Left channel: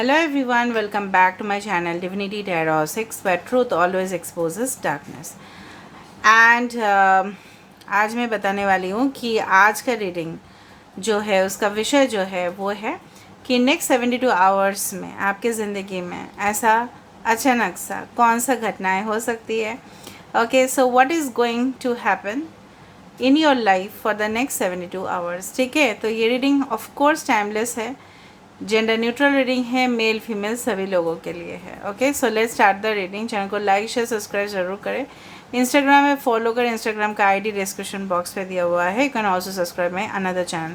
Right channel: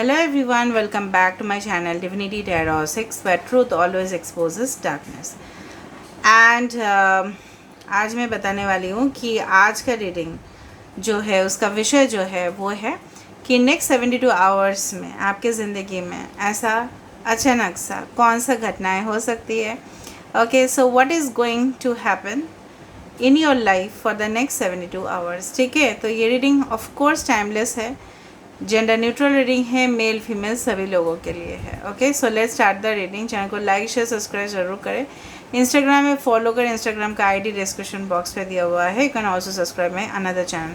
Hello everyone, welcome back to my channel Divinity Tarot 6 where truth always exposes darkness. And आज मैं बताने वाली हूँ कि आज का रीडिंग जो है उसका विषय जो है वो है कि नेक्स्ट 72 आवर्स में आपके ज़िंदगी में ऐसा अचानक सा कौन सा घटनाएं हो सकती है. Okay, so what is going to happen in your life for the next 72 hours. ठीक है, तो ये रीडिंग ऑफ कोर्स टाइमलेस है, जेंडर न्यूट्रल रीडिंग है, मेल फीमेल सभी लोगों के लिए है. Okay, so let's start the reading. Channel को लाइक शेयर सब्सक्राइब जरूर करें. इंस्टाग्राम में फॉलो करें, इंस्टाग्राम का आईडी डिस्क्रिप्शन बॉक्स पे दिया हुआ है. You can also subscribe my another channel.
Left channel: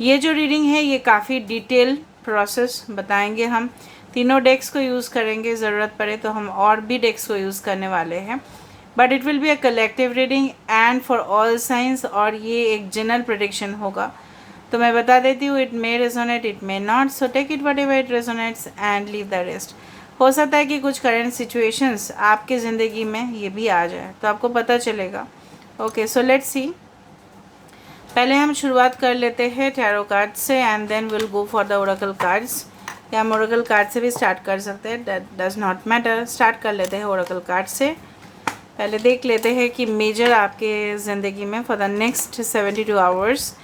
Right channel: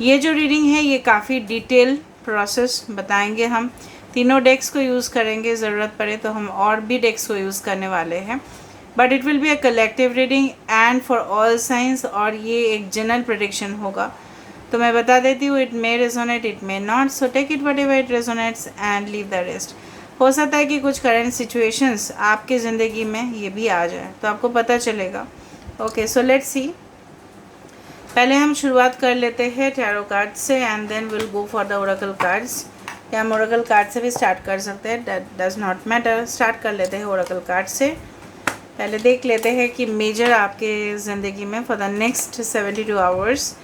ये जो रीडिंग है ये काफ़ी डिटेल प्रोसेस बताएंगे. हम तीनों डेक्स को यूज़ करेंगे, ज़रूरत पड़े तो हम और भी डेक्स को यूज़ करने वाले हैं. But it will be a collective reading and for all science, और ये एक जनरल प्रेडिक्शन होगा. तो मैं बता देती हूँ, it may resonate, it may not, so take it whatever it resonates and leave the rest. हो सकता है कि कुछ करंट सिचुएशंस आपके ज़िंदगी में ये भी आ जाए तो आपको पता चलेगा. Okay, so let's see. पहले हम शुरुआत कर लेते हैं टैरो कार्ड से and then will go for the oracle cards. या हम ओरेकल कार्ड से भी स्टार्ट कर सकते हैं, that does not matter. Start कर लेते हैं ओरेकल कार्ड से. पहले देख लेते हैं कि मेजर आपके ज़िंदगी में फॉर द नेक्स्ट 72 आवर्स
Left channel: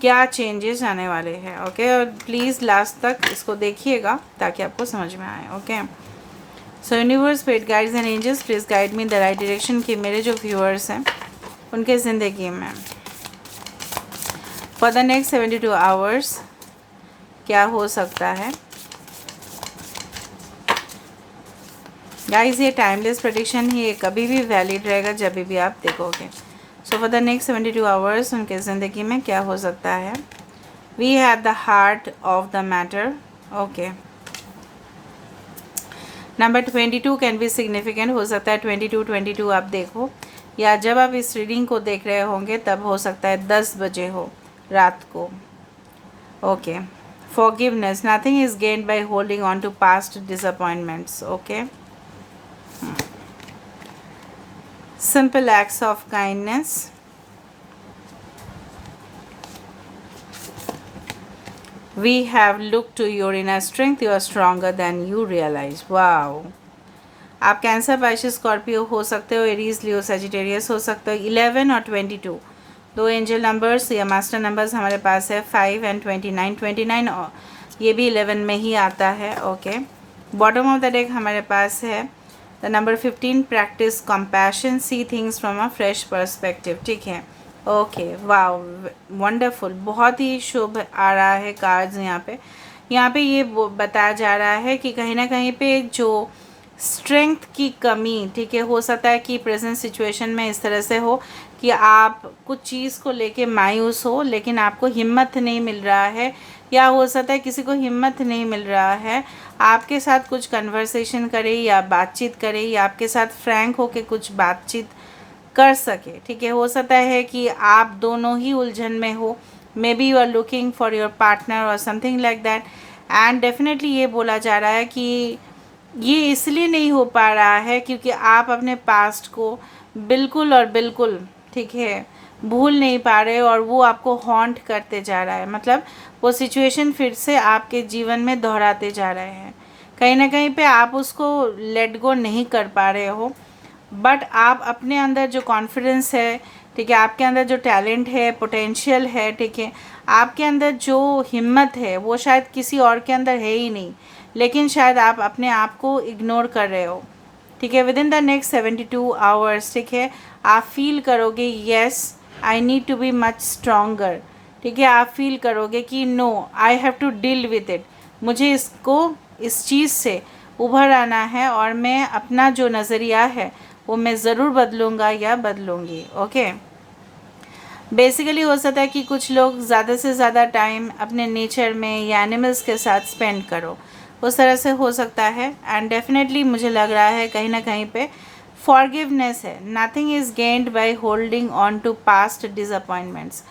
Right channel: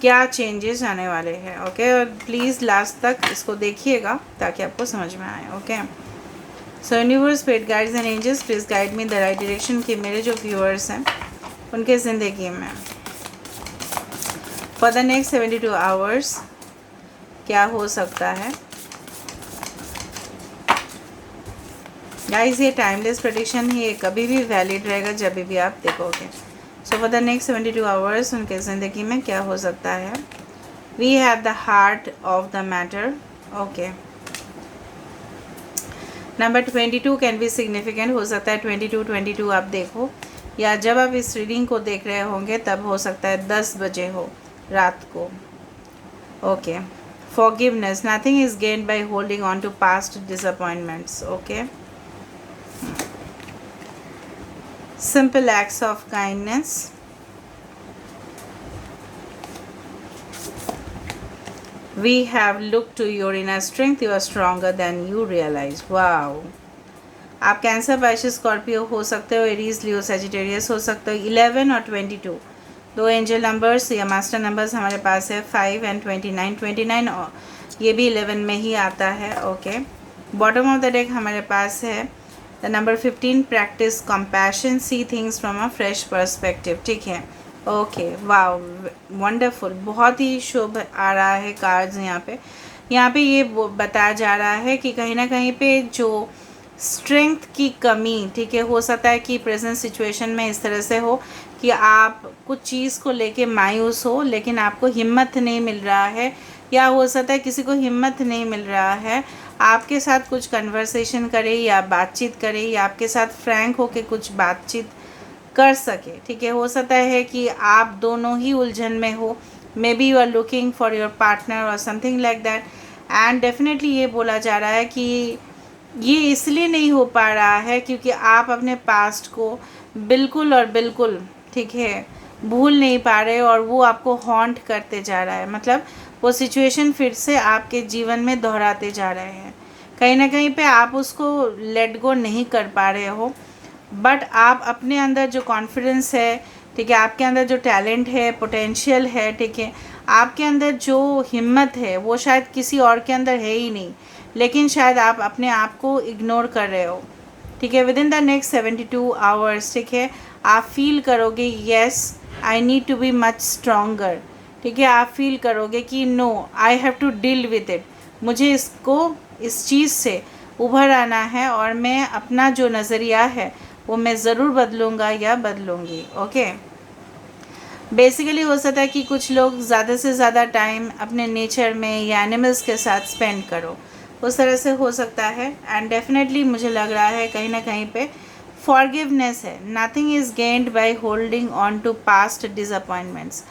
क्या चेंजेस आने वाले हैं. ओके, और प्लीज़ लास्ट तक इसको देखिएगा ताकि आपको समझ में आए. Okay, so universe, spirit guides and angels, please guide me the right direction कि मेरे जो व्यूअर्स हैं उनके ज़िंदगी में फॉर द नेक्स्ट 72 आवर्स क्या हो सकता है. गाइज, ये टाइमलेस प्रेडिक्शन ही, ये कभी भी वैलिड रहेगा जब भी आप देखोगे. So for the next 72 hours उनके ज़िंदगी में क्या हो सकता है. We have the heart of the matter. Okay, number 22 can be significant. हो सकता है 22 आप देखो, या जब आप इस रीडिंग को देख रहे होंगे तब हो सकता है 10 बजे हो रात को. Okay, forgiveness, nothing is gained by holding on to past disappointments. Okay, simple acts of kindness. We have looked to your inner strength. You are stronger than you realize. Wow. आप कैंसर, पाइसेस, स्कॉर्पियो हो सकते हो, Aries, लियो, Sagittarius हो सकते हो. 11 और 22 दो angel numbers या मास्टर नंबर्स हमारे पास है. 5 एंड 29. 29 ये भी 11 में ही आता है. Okay, bottom of the deck हमारे पास है the number 15, practice compassion, see things from a fresh perspective. ठीक है. ओके, वाओ, वंडरफुल, बहुत ही शुभ आ रहा है कार्ड्स. यहाँ पे ये बताया जा रहा है कि कहीं ना कहीं पे जो स्ट्रेंथ की कमी, ठीक है, हो सकता है कि प्रेजेंट सिचुएशन में इस तरह से हो कि आप कुछ चीज़ को लेके मायूस हो लेकिन आपको हिम्मत नहीं मिल रहा है, या हो सकता है किसी को हिम्मत नहीं मिल रहा है आपके साथ कुछ कन्वर्सेशन करे या बातचीत करे, या आपके साथ फ्रैंक होके कुछ बातचीत कर सके. ठीक है, हो सकता है कि आप दोनों ही उलझन में हो. May be you are looking for your partner और something like that. And definitely ये बोला जा रहा है कि ये इसलिए नहीं हो पा रहा है क्योंकि आप अपने पास्ट को बिल्कुल और बिल्कुल, ठीक है, भूल नहीं पा रहे और वो आपको हॉन्ट करते जा रहा है. मतलब वो सिचुएशन फिर से आपके जीवन में दोहराते जा रहे हैं. कहीं ना कहीं पे आप उसको लेट गो नहीं कर पा रहे हो, बट आप अपने अंदर जो कॉन्फिडेंस है, ठीक है, आपके अंदर जो टैलेंट है, पोटेंशियल है, ठीक है, आपके अंदर जो हिम्मत है वो शायद किसी और के अंदर है ही नहीं, लेकिन शायद आप अपने आप को इग्नोर कर रहे हो. ठीक है, within the next 72 hours, ठीक है, आप फील करोगे yes I need to be much stronger. ठीक है, आप फील करोगे कि no I have to deal with it, मुझे इस चीज़ से उभर आना है और मैं अपना जो नज़रिया है वो मैं ज़रूर बदलूँगा या बदलूँगी. ओके, बेसिकली हो सकता है कि कुछ लोग ज़्यादा से ज़्यादा टाइम अपने नेचर में या एनिमल्स के साथ स्पेंड करो, उस तरह से हो सकता है. एंड डेफिनेटली मुझे लग रहा है कहीं ना कहीं पे फॉरगिवनेस है. Nothing is gained by holding on to past disappointments.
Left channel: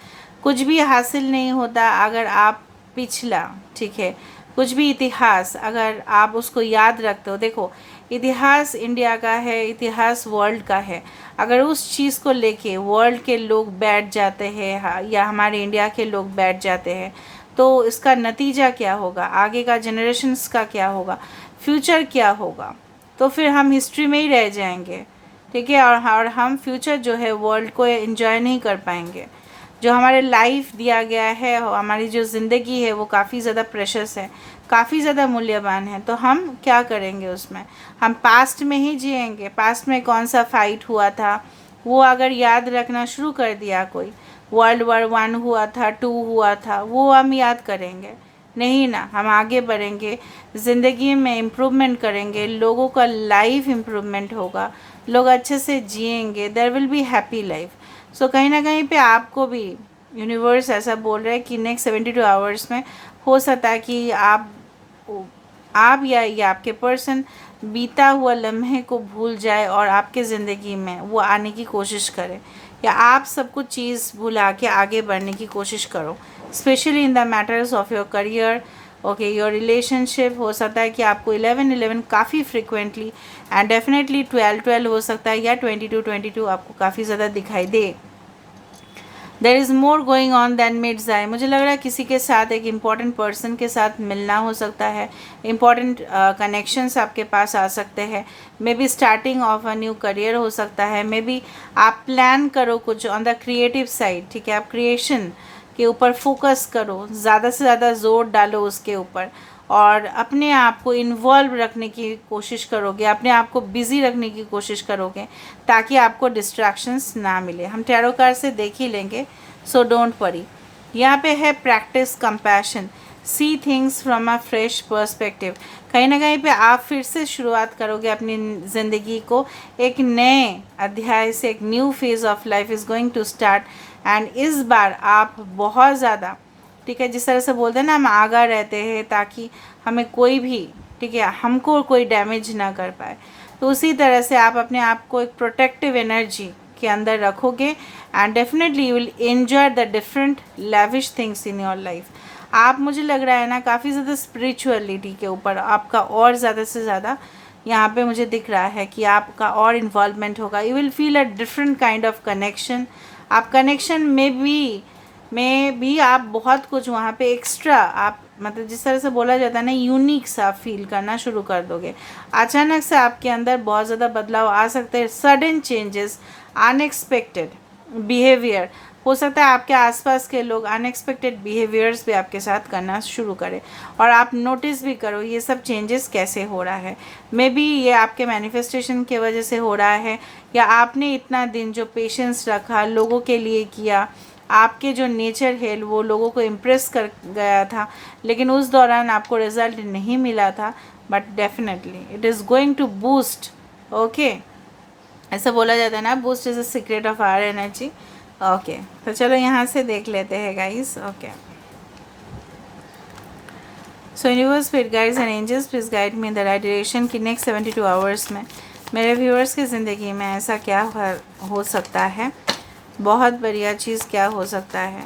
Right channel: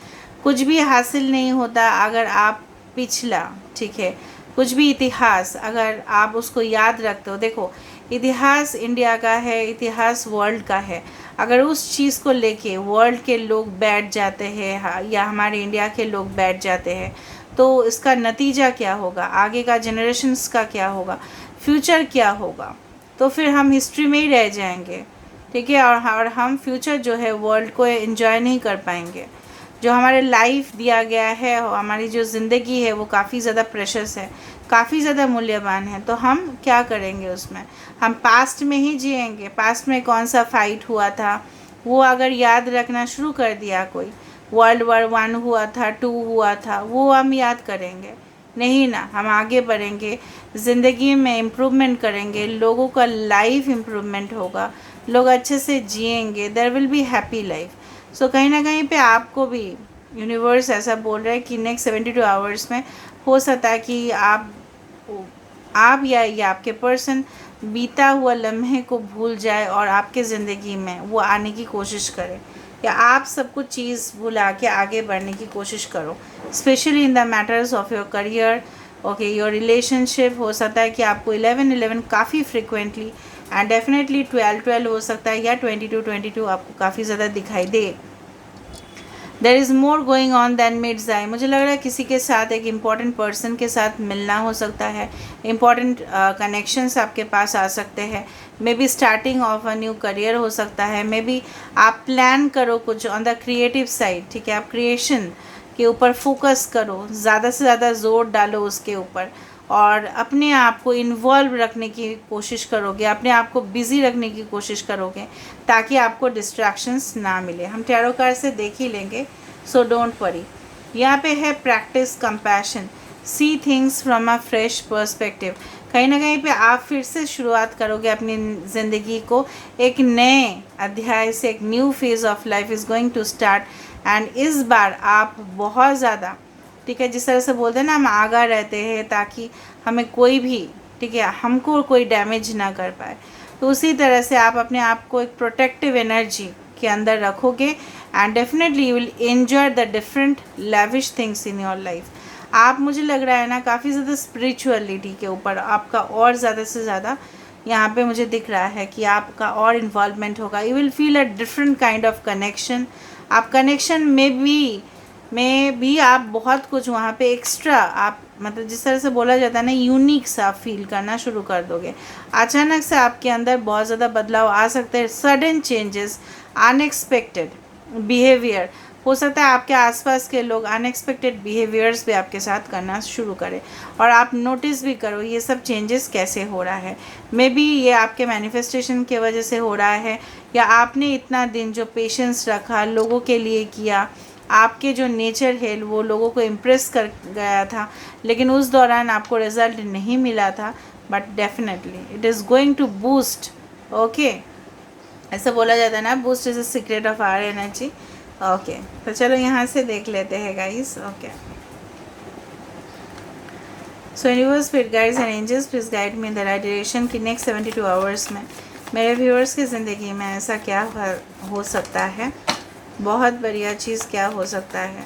कुछ भी हासिल नहीं होता अगर आप पिछला, ठीक है, कुछ भी इतिहास अगर आप उसको याद रखते हो. देखो, इतिहास इंडिया का है, इतिहास वर्ल्ड का है. अगर उस चीज़ को लेके वर्ल्ड के लोग बैठ जाते हैं या हमारे इंडिया के लोग बैठ जाते हैं तो इसका नतीजा क्या होगा, आगे का जनरेशन्स का क्या होगा, फ्यूचर क्या होगा, तो फिर हम हिस्ट्री में ही रह जाएंगे, ठीक है। और हम फ्यूचर जो है वर्ल्ड को एंजॉय नहीं कर पाएंगे। जो हमारे लाइफ दिया गया है, हमारी जो ज़िंदगी है वो काफ़ी ज़्यादा प्रेशस है, काफ़ी ज़्यादा मूल्यवान है। तो हम क्या करेंगे उसमें, हम पास्ट में ही जिएंगे। पास्ट में कौन सा फाइट हुआ था वो अगर याद रखना शुरू कर दिया, कोई वर्ल्ड war 1 हुआ था, 2 हुआ था, वो हम याद करेंगे नहीं ना। हम आगे बढ़ेंगे, ज़िंदगी में इम्प्रूवमेंट करेंगे, लोगों का लाइफ इम्प्रूवमेंट होगा, लोग अच्छे से जिएंगे, there will be happy life. So कहीं ना कहीं पे आपको भी यूनिवर्स ऐसा बोल रहा है कि नेक्स्ट 72 आवर्स में हो सकता है कि आप या ये आपके पर्सन बीता हुआ लम्हे को भूल जाए और आपके ज़िंदगी में वो आने की कोशिश करे, या आप सब कुछ चीज़ भुला के आगे बढ़ने की कोशिश करो, specially in the matters of your career, okay, your relationship. हो सकता है कि आपको 11-11 काफ़ी फ्रिक्वेंटली एंड डेफिनेटली 12-12 हो सकता है, या 22-22 आपको काफ़ी ज़्यादा दिखाई दे। There is more going on than meets eye. मुझे लग रहा है किसी के साथ, एक इम्पॉर्टेंट पर्सन के साथ मिलना हो सकता है, इम्पॉर्टेंट कनेक्शंस आपके पास आ सकते हैं, may be starting of a new career हो सकता है, मे बी आप प्लान करो कुछ ऑन द क्रिएटिव साइड, ठीक है, आप क्रिएशन के ऊपर फोकस करो, ज़्यादा से ज़्यादा जोर डालो उसके ऊपर, और अपने आप को इन्वॉल्व रखने की कोशिश करोगे, अपने आप को बिज़ी रखने की कोशिश करोगे, ताकि आपको डिस्ट्रैक्शंस ना मिले। हम टैरो कार्ड से देख ही लेंगे, सो डोंट वरी। यहाँ पे है practice compassion, see things from a fresh perspective. कहीं ना कहीं पे आप फिर से शुरुआत करोगे अपनी ज़िंदगी को, एक नए अध्याय से, एक new phase of life is going to start. And इस बार आप बहुत ज़्यादा, ठीक है, जिस तरह से बोलते हैं ना, हम आगा रहते हैं ताकि हमें कोई भी, ठीक है, हमको कोई डैमेज ना कर पाए, तो उसी तरह से आप अपने आप को एक प्रोटेक्टिव एनर्जी के अंदर रखोगे and definitely you will enjoy the different lavish things in your life. आप, मुझे लग रहा है ना, काफ़ी ज़्यादा स्पिरिचुअलिटी के ऊपर आपका और ज़्यादा से ज़्यादा यहाँ पे मुझे दिख रहा है कि आपका और इन्वॉल्वमेंट होगा। You will feel a different kind of connection. आप कनेक्शन में भी आप बहुत कुछ वहाँ पे एक्स्ट्रा, आप मतलब जिस तरह से बोला जाता है ना, यूनिक सा फील करना शुरू कर दोगे। अचानक से आपके अंदर बहुत ज़्यादा बदलाव आ सकते हैं, सडन चेंजेस, अनएक्सपेक्टेड बिहेवियर। हो सकता है आपके आसपास के लोग अनएक्सपेक्टेड बिहेवियर्स भी आपके साथ करना शुरू करें, और आप नोटिस भी करो ये सब चेंजेस कैसे हो रहा है। मे बी ये आपके मैनिफेस्टेशन की वजह से हो रहा है, या आपने इतना दिन जो पेशेंस रखा, लोगों के लिए किया, आपके जो नेचर है वो लोगों को इम्प्रेस कर गया था, लेकिन उस दौरान आपको रिज़ल्ट नहीं मिला था, but definitely it is going to boost. Okay, ऐसे बोला जाता है ना, boost is the secret of our energy. Okay, तो चलो यहाँ से देख लेते हैं guys. Okay, so universe, spirit guides and angels, please guide me in the right direction कि नेक्स्ट 72 आवर्स में मेरे व्यूअर्स की ज़िंदगी में ऐसा क्या हो सकता है, बहुत बढ़िया चीज़ क्या हो सकता है।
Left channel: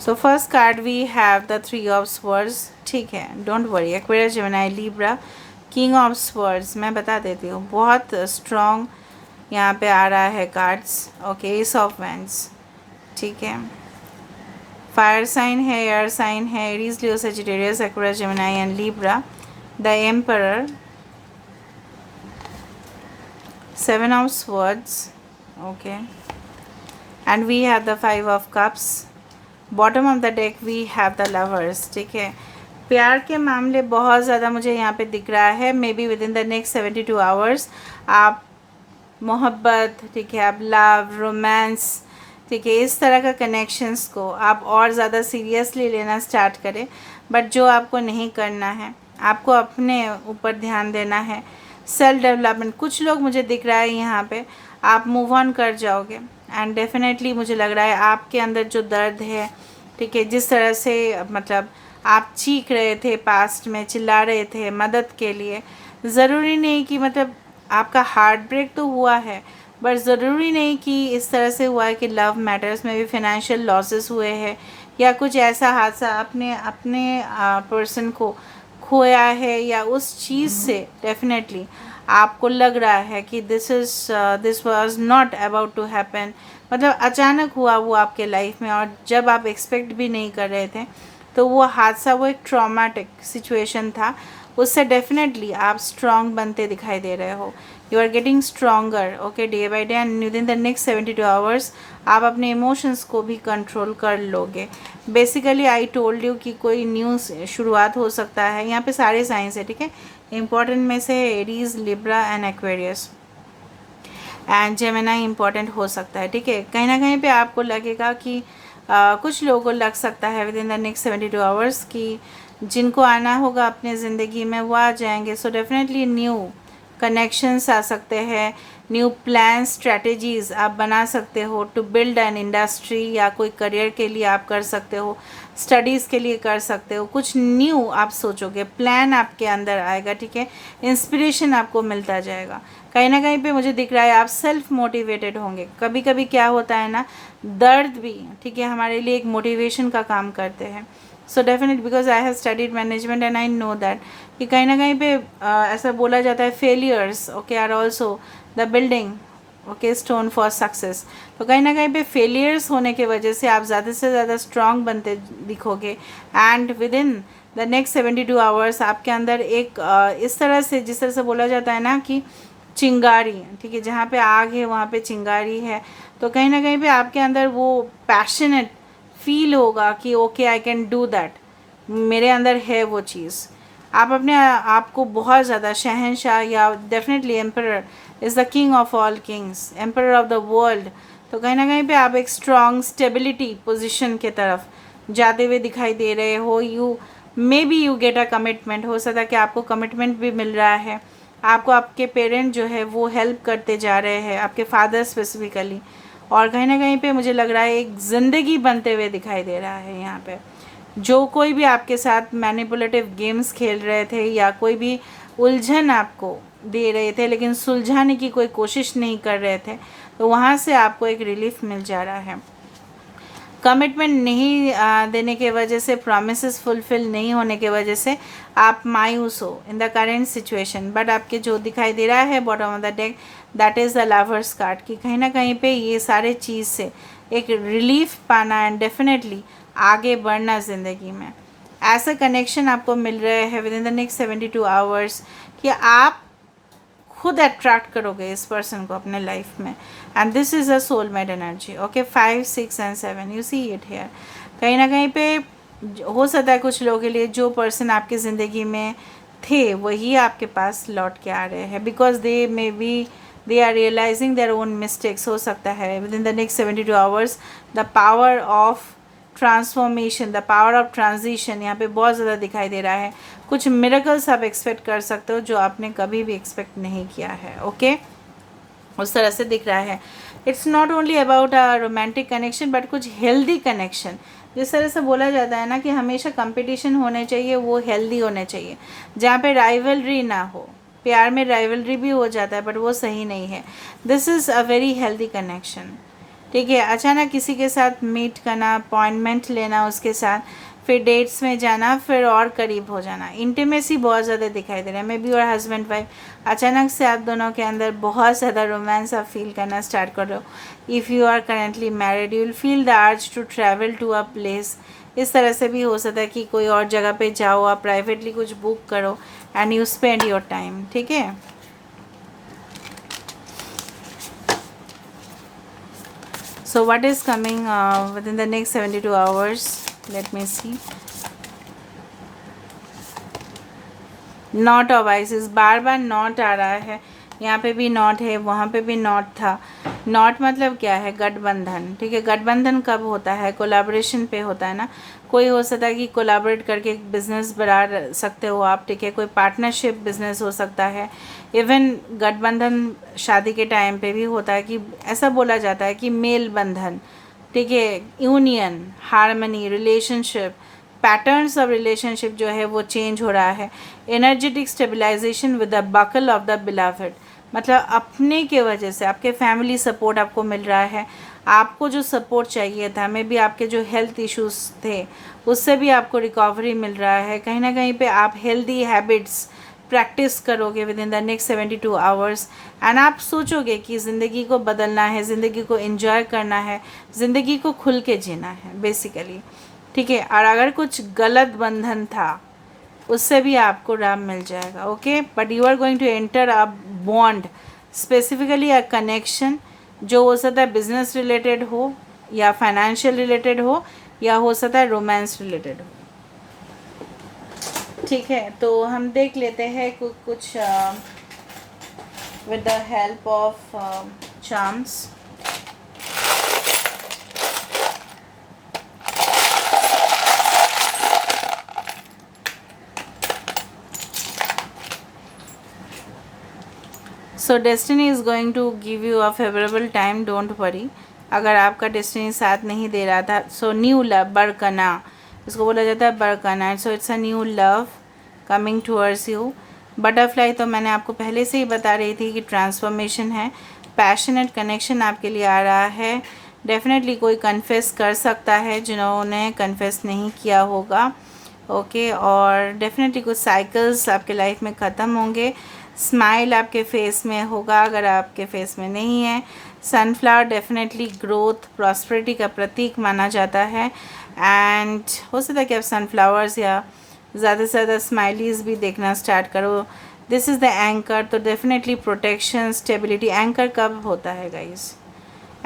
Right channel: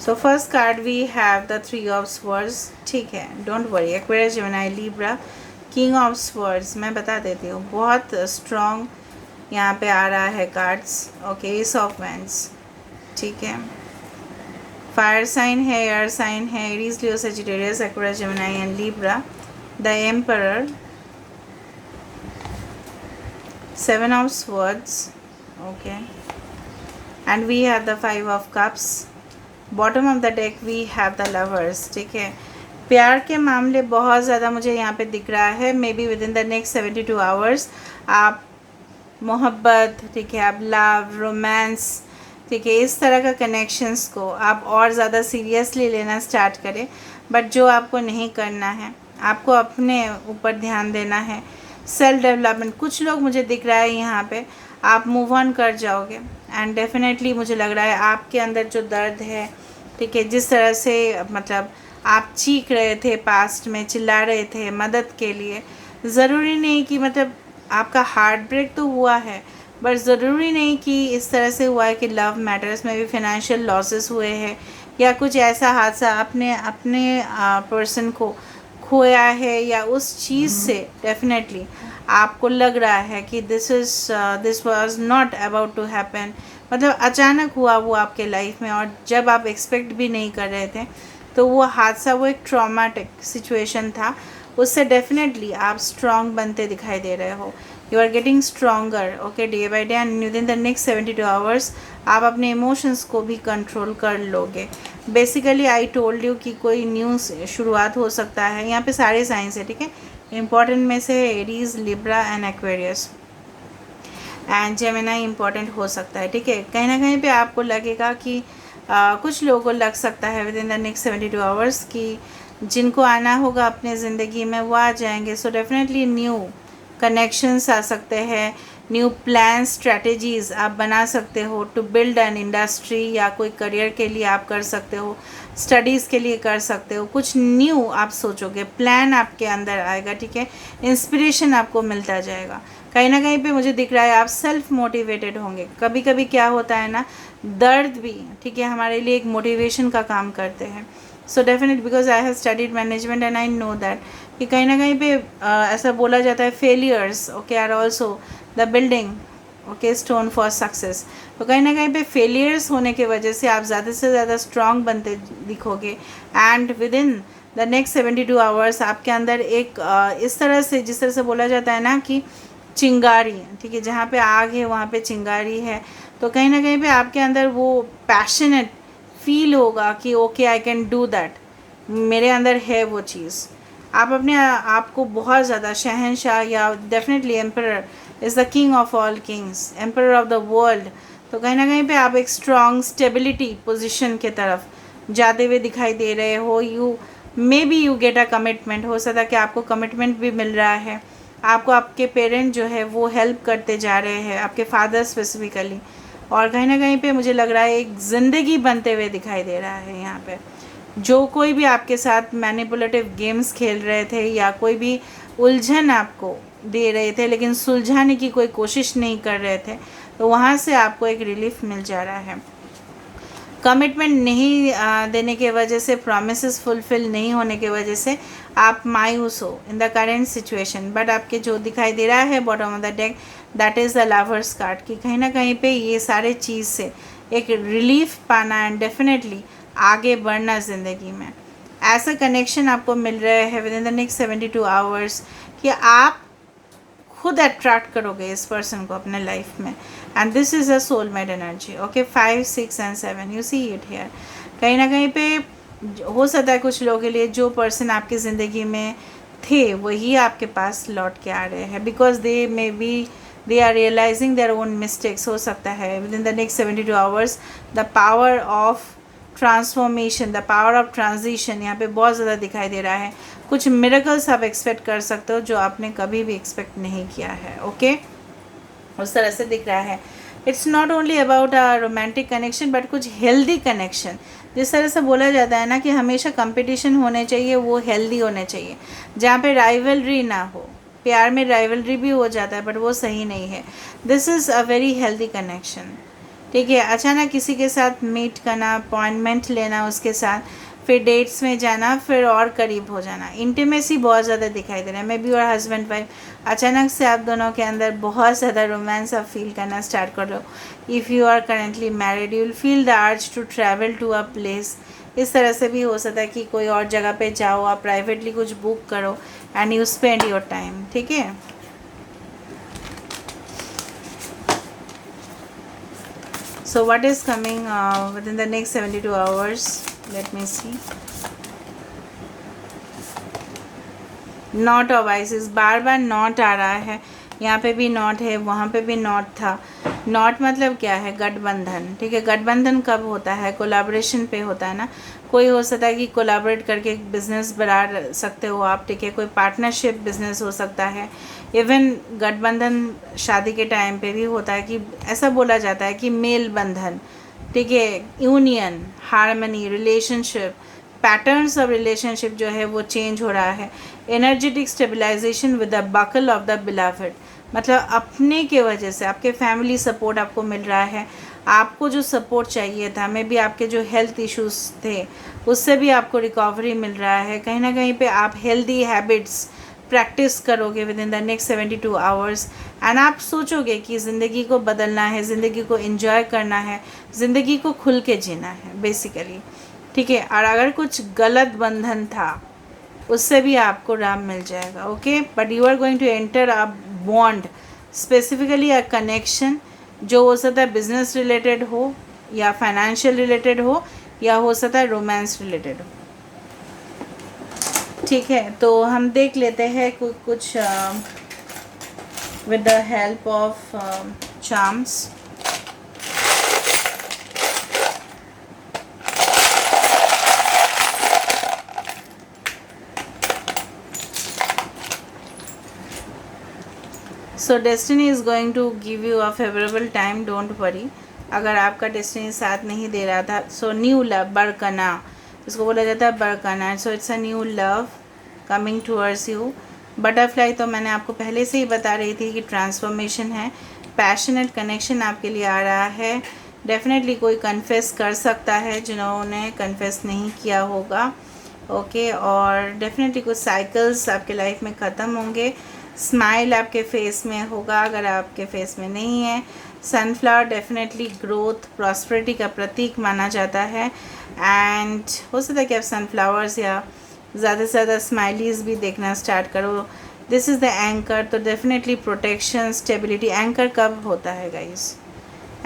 So first card we have the 3 of swords, ठीक है, don't worry. Aquarius, Gemini, Libra, king of swords. मैं बता देती हूँ, बहुत स्ट्रॉन्ग यहाँ पे आ रहा है cards. Okay, S of wands, ठीक है, फायर साइन है, एयर साइन है, Aries, Leo, Sagittarius, Aquarius, Gemini and Libra. The emperor, 7 of swords, okay, and we have the 5 of cups. Bottom of the deck we have the lovers, ठीक है। प्यार के मामले बहुत ज़्यादा मुझे यहाँ पे दिख रहा है। May be with in the next 72 hours आप मोहब्बत, ठीक है, आप लव, रोमांस, ठीक है, इस तरह का कनेक्शंस को आप और ज़्यादा सीरियसली लेना स्टार्ट करें। बट जो आपको नहीं करना है, आपको अपने ऊपर ध्यान देना है, सेल्फ डेवलपमेंट। कुछ लोग, मुझे दिख रहा है यहाँ पे, आप मूव ऑन कर जाओगे एंड डेफिनेटली मुझे लग रहा है आपके अंदर जो दर्द है, ठीक है, जिस तरह से मतलब आप चीख रहे थे पास्ट में, चिल्ला रहे थे मदद के लिए, ज़रूरी नहीं कि मतलब आपका हार्ट ब्रेक तो हुआ है, बट ज़रूरी नहीं कि इस तरह से हुआ है कि लव मैटर्स में भी फाइनेंशियल लॉसेस हुए हैं, या कुछ ऐसा हादसा अपने पर्सन को खोया है, या उस चीज़ से डेफिनेटली आपको लग रहा है कि this was not about to happen, मतलब अचानक हुआ वो आपके लाइफ में, और जब आप एक्सपेक्ट भी नहीं कर रहे थे। तो वो हादसा, वो एक ट्रॉमेटिक सिचुएशन था, उससे डेफिनेटली आप स्ट्रॉन्ग बनते दिखाई दे रहे हो। You are getting stronger, okay, day by day, and within the next 72 hours आप अपने इमोशंस को भी कंट्रोल कर लोगे। बेसिकली आई टोल्ड यू कि कोई न्यू शुरुआत हो सकता है। यहाँ पे सारे साइंस है, ठीक है। इंपॉर्टेंट में से Aries, Libra and Aquarius and Gemini important हो सकता है, ठीक है। कहीं ना कहीं पे आपको लगेगा कि कुछ लोगों को लग सकता है within the next 72 hours कि जिनको आना होगा अपने ज़िंदगी में वो आ जाएंगे। सो डेफिनेटली न्यू कनेक्शंस आ सकते हैं, न्यू प्लान स्ट्रेटजीज़ आप बना सकते हो टू बिल्ड एन इंडस्ट्री, या कोई करियर के लिए आप कर सकते हो, स्टडीज़ के लिए कर सकते हो। कुछ न्यू आप सोचोगे, प्लान आपके अंदर आएगा, ठीक है। इंस्पिरेशन आपको मिलता जाएगा। कहीं ना कहीं पे मुझे दिख रहा है आप सेल्फ मोटिवेटेड होंगे। कभी कभी क्या होता है ना, दर्द भी, ठीक है, हमारे लिए एक मोटिवेशन का काम करते हैं। So definite, because I have studied management and I know that कि कहीं ना कहीं पे ऐसा बोला जाता है failures, okay, are also the building, okay, stone for success. तो कहीं ना कहीं पे फेलियर्स होने की वजह से आप ज़्यादा से ज़्यादा स्ट्रॉन्ग बनते दिखोगे। And within the next 72 hours आपके अंदर एक इस तरह से, जिस तरह से बोला जाता है ना कि चिंगारी, ठीक है, जहाँ पे आग है वहाँ पे चिंगारी है। तो कहीं ना कहीं पे आपके अंदर वो पैशनेट फील होगा कि okay I can do that, मेरे अंदर है वो चीज़। आप अपने आप को बहुत ज़्यादा शहंशाह, या definitely emperor is the king of all Kings, emperor of the world. तो कहीं ना कहीं पे आप एक स्ट्रॉन्ग स्टेबिलिटी पोजीशन के तरफ जाते हुए दिखाई दे रहे हो। You may be you get a commitment, हो सकता है कि आपको कमिटमेंट भी मिल रहा है। आपको आपके पेरेंट जो है वो हेल्प करते जा रहे हैं, आपके फादर स्पेसिफिकली। और कहीं ना कहीं पे मुझे लग रहा है एक ज़िंदगी बनते हुए दिखाई दे रहा है यहाँ पे। जो कोई भी आपके साथ मैनिपुलेटिव गेम्स खेल रहे थे, या कोई भी उलझन आपको दे रहे थे लेकिन सुलझाने की कोई कोशिश नहीं कर रहे थे, तो वहाँ से आपको एक रिलीफ मिल जा रहा है। कमिटमेंट नहीं देने के वजह से, प्रॉमिसेस फुलफिल नहीं होने के वजह से आप मायूस हो in the current situation. But आपके जो दिखाई दे रहा है bottom of the deck, that is the lovers card, कि कहीं ना कहीं पे ये सारे चीज़ से एक रिलीफ पाना एंड डेफिनेटली आगे बढ़ना ज़िंदगी में। ऐसा कनेक्शन आपको मिल रहे हैं with in the next 72 hours कि आप खुद अट्रैक्ट करोगे इस पर्सन को अपने लाइफ में। And this is a soulmate energy, okay. 5, 6 and 7, you see it here. कहीं ना कहीं पे हो सकता है कुछ लोगों के लिए जो पर्सन आपकी ज़िंदगी में थे वही आपके पास लौट के आ रहे हैं, because they are realising their own mistakes. हो सकता है within the next 72 hours the power of transformation, the power of transition यहाँ पे बहुत ज़्यादा दिखाई दे रहा है। कुछ मिरेकल्स आप एक्सपेक्ट कर सकते हो जो आपने कभी भी एक्सपेक्ट नहीं किया है, ओके। उस तरह से दिख रहा है। It's not only about a romantic connection but कुछ हेल्दी कनेक्शन। जिस तरह से बोला जाता है ना कि हमेशा कंपटीशन होने चाहिए, वो हेल्दी होने चाहिए, जहाँ पे राइवलरी ना हो। प्यार में राइवलरी भी हो जाता है बट वो सही नहीं है। This is a very healthy connection, ठीक है। अचानक किसी के साथ मीट करना, अपॉइंटमेंट लेना उसके साथ, फिर डेट्स में जाना, फिर और करीब हो जाना, इंटीमेसी बहुत ज़्यादा दिखाई दे रहा है। मे बी और हस्बैंड वाइफ, अचानक से आप दोनों के अंदर बहुत ज़्यादा रोमांस आप फील करना स्टार्ट कर दो। If you are currently married you will feel the urge to travel to a place. इस तरह से भी हो सकता है कि कोई और जगह पे जाओ, आप प्राइवेटली कुछ बुक करो and you spend your time, ठीक है। So what is coming within the next 72 hours? Let me see. Knot of Isis, बार बार नॉट आ रहा है। यहाँ पे भी नॉट है, वहाँ पे भी नॉट था। नॉट मतलब क्या है? गठबंधन, ठीक है। गठबंधन कब होता है? कोलैबोरेशन पे होता है ना। कोई हो सकता है कि कोलैबोरेट करके एक बिज़नेस बढ़ा सकते हो आप, ठीक है। कोई पार्टनरशिप बिज़नेस हो सकता है। इवन गठबंधन शादी के टाइम पे भी होता है कि ऐसा बोला जाता है कि मेल बंधन, ठीक है, union, harmony, relationship, patterns of relationship जो है वो चेंज हो रहा है। Energetic stabilisation with the buckle of the beloved, मतलब अपने के वजह से आपके फैमिली सपोर्ट आपको मिल रहा है। आपको जो सपोर्ट चाहिए था, मे बी आपके जो हेल्थ इश्यूज़ थे उससे भी आपको रिकवरी मिल रहा है। कहीं ना कहीं पे आप हेल्दी हैबिट्स प्रैक्टिस करोगे with in the next 72 hours and आप सोचोगे कि ज़िंदगी को बदलना है, ज़िंदगी को एंजॉय करना है, ज़िंदगी को खुल के जीना है बेसिकली, ठीक है। और अगर कुछ गलत बंधन था उससे भी आपको राम मिल जाएगा, okay. But you are going to enter a bond, specifically a connection, जो हो सकता है बिजनेस रिलेटेड हो या फाइनेंशियल रिलेटेड हो या हो सकता है रोमांस रिलेटेड हो, ठीक है। तो हम देख लेते हैं कुछ with the help of charms. So destiny is going to give you a favourable time, don't worry. अगर आपका डेस्टिनी साथ नहीं दे रहा था, सो न्यू लव, बड़कना, इसको बोला जाता है बड़कना। So it's a new love coming towards you. Butterfly तो मैंने आपको पहले से ही बता रही थी कि ट्रांसफॉर्मेशन है, पैशनेट कनेक्शन आपके लिए आ रहा है। डेफिनेटली कोई कन्फेस कर सकता है जिन्होंने कन्फेस नहीं किया होगा, ओके। और डेफिनेटली कुछ साइकिल्स आपके लाइफ में ख़त्म होंगे। स्माइल आपके फेस में होगा, अगर आपके फेस में नहीं है। सनफ्लावर डेफिनेटली ग्रोथ, प्रॉस्पेरिटी का प्रतीक माना जाता है। एंड हो सकता है कि आप सनफ्लावर्स या ज़्यादा से ज़्यादा स्माइलीज़ भी देखना स्टार्ट करो। दिस इज़ द एंकर, तो डेफिनेटली प्रोटेक्शन, स्टेबिलिटी। एंकर कब होता है गाइस?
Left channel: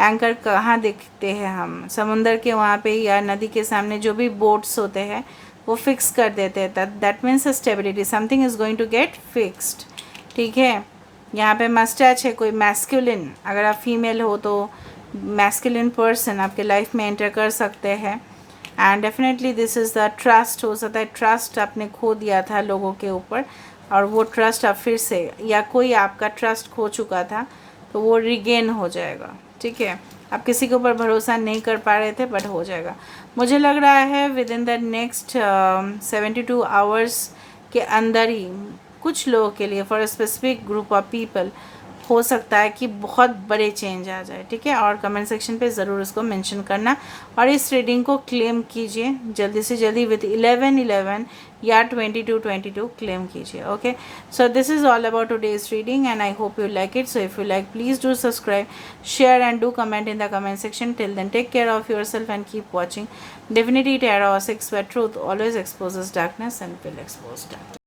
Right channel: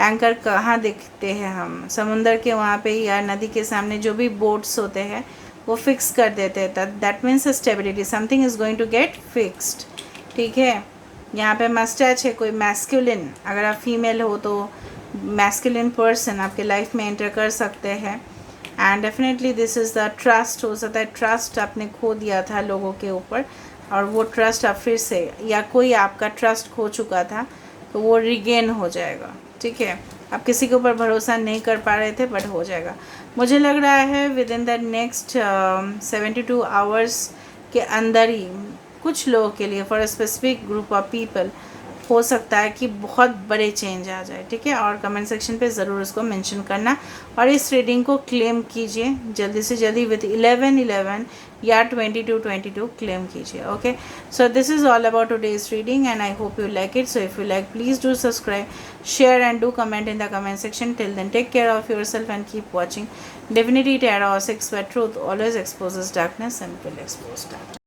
एंकर कहाँ देखते हैं हम? समुंदर के वहाँ पे या नदी के सामने जो भी बोट्स होते हैं वो फिक्स कर देते हैं। That means stability, something is going to get fixed, ठीक है। यहाँ पे मस्टैच है, कोई मैस्कुलिन, अगर आप फीमेल हो तो मैस्कुलिन पर्सन आपके लाइफ में एंटर कर सकते हैं। And definitely this is the trust, हो सकता है ट्रस्ट आपने खो दिया था लोगों के ऊपर और वो ट्रस्ट आप फिर से, या कोई आपका ट्रस्ट खो चुका था तो वो रिगेन हो जाएगा, ठीक है। आप किसी के ऊपर भरोसा नहीं कर पा रहे थे बट हो जाएगा। मुझे लग रहा है within the next 72 hours के अंदर ही कुछ लोगों के लिए, for a specific group of people, हो सकता है कि बहुत बड़े चेंज आ जाए, ठीक है। और कमेंट सेक्शन पे ज़रूर उसको मेंशन करना और इस रीडिंग को क्लेम कीजिए जल्दी से जल्दी विद 11/11 या 22/22 क्लेम कीजिए, okay. So this is all about today's reading and I hope you like it. So if you like, please do subscribe, share and do comment in the comment section. Till then, take care of yourself and keep watching Divinity Tarot 6, where truth always exposes darkness and will expose darkness.